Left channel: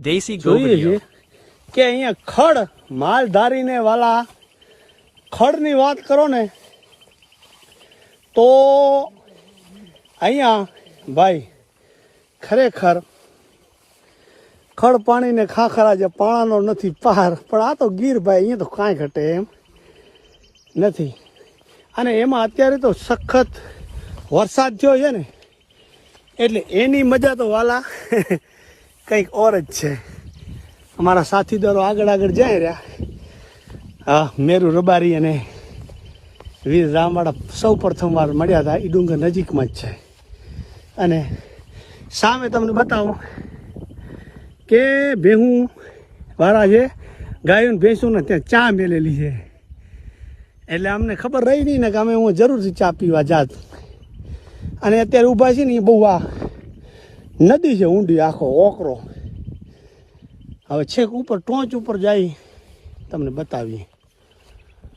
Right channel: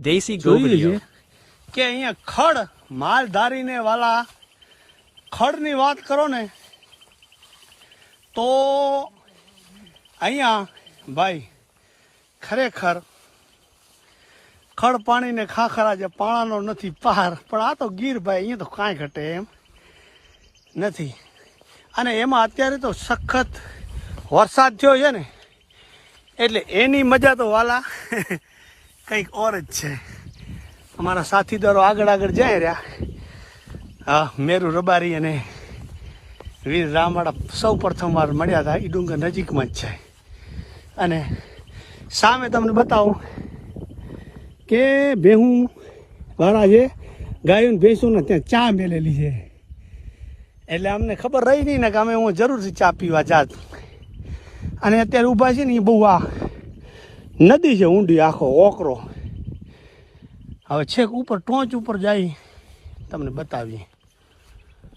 દેશી જોઈએ ગોબરિયો કે અહીંયા ખડ માલધારીને વાલા ખડની વાત કરો ને તો અહીંયા ભાઈ ખરેખર ખડ પાણીને ખાખરા જે પાણાનો નથી પાર, પણ આ તો ગીર ભાઈ, અહીંયા તો કાંઈ ઘટે એમ નથી. અને એમાં અત્યારે તો સખત વરસાદ થયો છે ને, એટલે એની મજા તો વાલા કંઈક ઓર જ છે. અમારા સાથીદારો આગળ આગળ જાય રહ્યા, હા, મેરુ રબારી અને વીર રામવાળા સૌ પ્રથમ વાર મળ્યા હતા. એ ડુંગર નજીકમાં જ છે. અને સામે તમને બતાવું કે ભેહું વાળા છે, ગાયું ભેંસું ને ત્યાં ચા મેલેલી છે. એટલે અમને ખબર રહી નહીં ને કે અમે હું જરૂરથી ચા પીવા જાત. અને અત્યારે ઊભા છે ને એ બહુ આ નદી છે ઊંડી, આખો ઓકરો. હવે છેક ઉપર ટોચ ઉપર જાય તમને બતાવીએ.